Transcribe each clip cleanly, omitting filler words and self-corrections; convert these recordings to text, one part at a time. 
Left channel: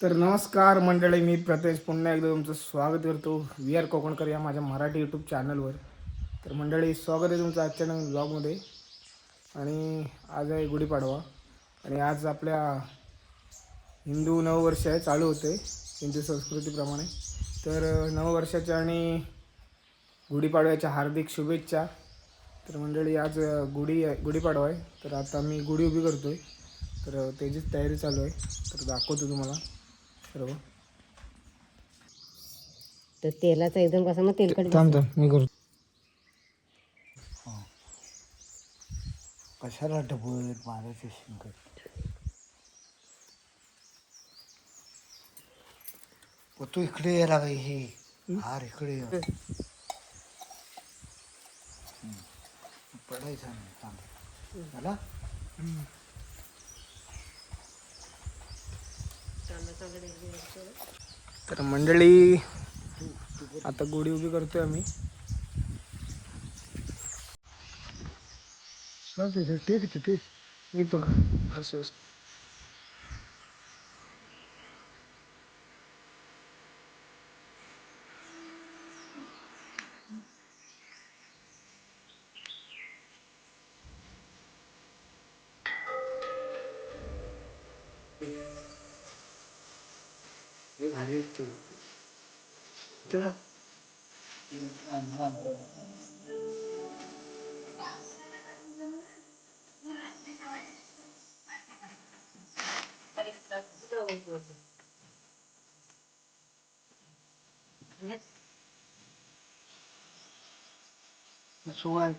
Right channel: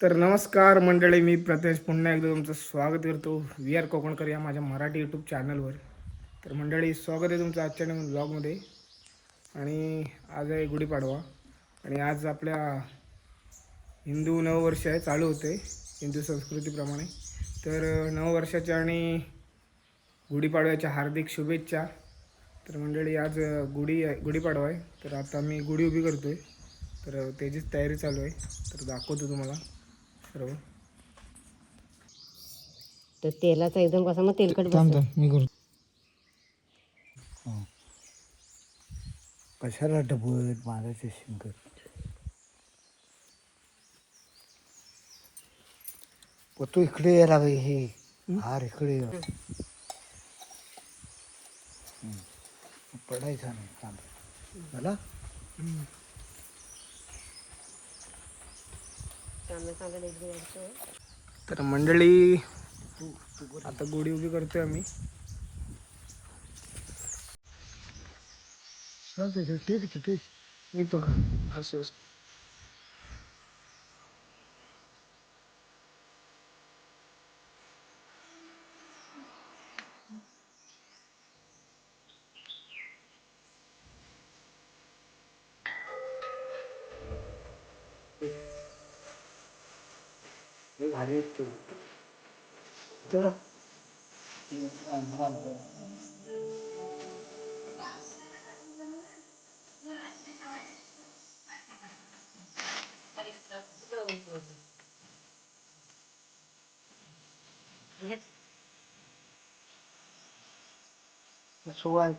तर नमस्कार मंडळी, मी प्रथेश पुन्हा एकदा तुमचं स्वागत करतो व्ही आर कोकणकर या माझ्या मराठी यूट्यूब चॅनलवर. तर मंडळी, स्वागत आहे तुमचं आजच्या नवीन ब्लॉगमध्ये. आणि आज आहे गुढीपाडवा आणि आज आपल्या हिंदू नववर्ष आहे, चालू होते हिंदू संस्कृतीप्रमाणे. तर नववर्षाच्या आणि गुढीपाडव्याच्या हार्दिक शुभेच्छा. तर मंडळी, आज गुढीपाडवा आहे, तर आता मी गुढी उभी करतो आहे. तर त्याचीच तयारी चालू आहे, तर दाखवतो तुम्हाला सर्व. तर तेलाचा एकदम कसा मग तेलकट थांबतो मी करतो. कशाला डबत मारायचे शिंकत. तू इकडे यायला लागली, हे हार इकडे ये. पडायचा नाही थांब मला. तर मंडळी, आता गुढी उभी करतोय आम्ही. चालते ठीक ठीक. मी बघ असं भारी सोळा.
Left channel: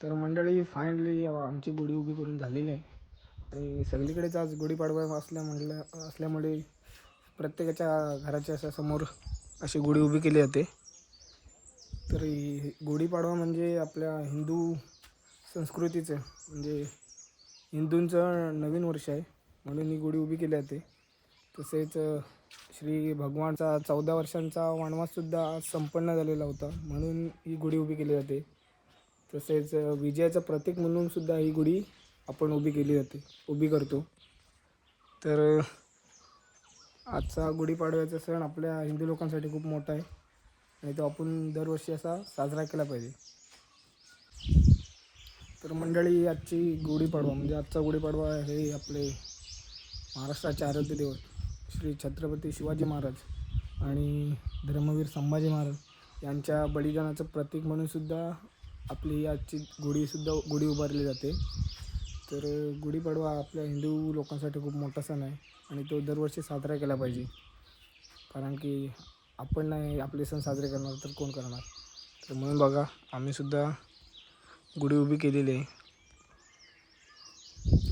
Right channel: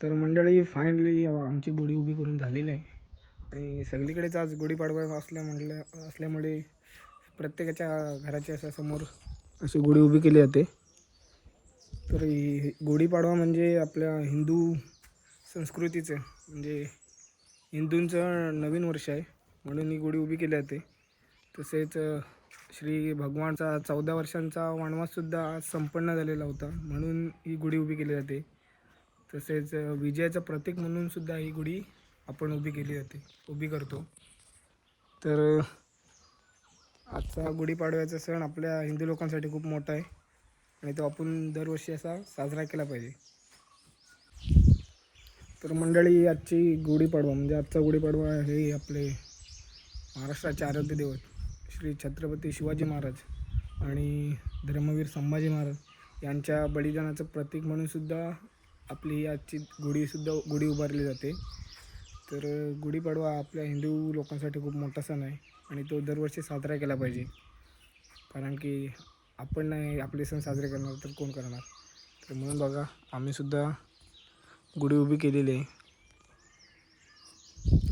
तर मंडळी, फायनली आमची गुढी उभी करून झालेली आहे. आणि सगळीकडेच आज गुढीपाडवा असल्यामुळे प्रत्येकाच्या घराच्या अशा समोर अशी गुढी उभी केली जाते. तर गुढीपाडवा म्हणजे आपल्या हिंदू संस्कृतीचं, म्हणजे हिंदूंचं नवीन वर्ष आहे, म्हणून ही गुढी उभी केली जाते. तसेच श्री भगवानचा 14 वर्षांचा वनवाससुद्धा आज संपन्न झालेला होता, म्हणून ही गुढी उभी केली जाते. तसेच विजयाचं प्रतीक म्हणून सुद्धा ही गुढी आपण उभी करतो. तर आजचा गुढीपाडव्याचा सण आपल्या हिंदू लोकांसाठी खूप मोठा आहे आणि तो आपण दरवर्षी असा साजरा केला पाहिजे. तर मंडळी, आजचा गुढीपाडवा हे आपले महाराष्ट्राचे आराध्य दैवत श्री छत्रपती शिवाजी महाराज आणि धर्मवीर संभाजी महाराज यांच्या बलिदानाचं प्रतीक म्हणून सुद्धा आपली आजची गुढी उभारली जाते. तर गुढीपाडवा आपल्या हिंदू लोकांसाठी खूप मोठा सण आहे आणि तो दरवर्षी साजरा केला पाहिजे. कारण की आपण नाही आपले सण साजरे करणार तर कोण करणार. तर म्हणून बघा, आम्हीसुद्धा गुढी उभी केलेली आहे.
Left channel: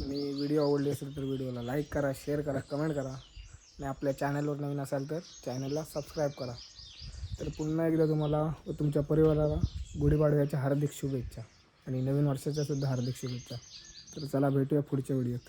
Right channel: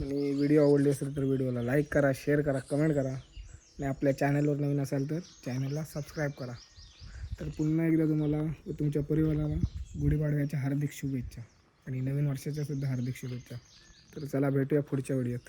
आणि व्हिडिओ आवडली असेल तर व्हिडिओला लाईक करा, शेअर करा, कमेंट करा आणि आपल्या चॅनलवर नवीन असाल तर चॅनलला सबस्क्राईब करा. तर पुन्हा एकदा तुम्हाला व तुमच्या परिवाराला गुढीपाडव्याच्या हार्दिक शुभेच्छा आणि नवीन वर्षाच्या सुद्धा हार्दिक शुभेच्छा. तर चला, भेटूया पुढच्या व्हिडिओत.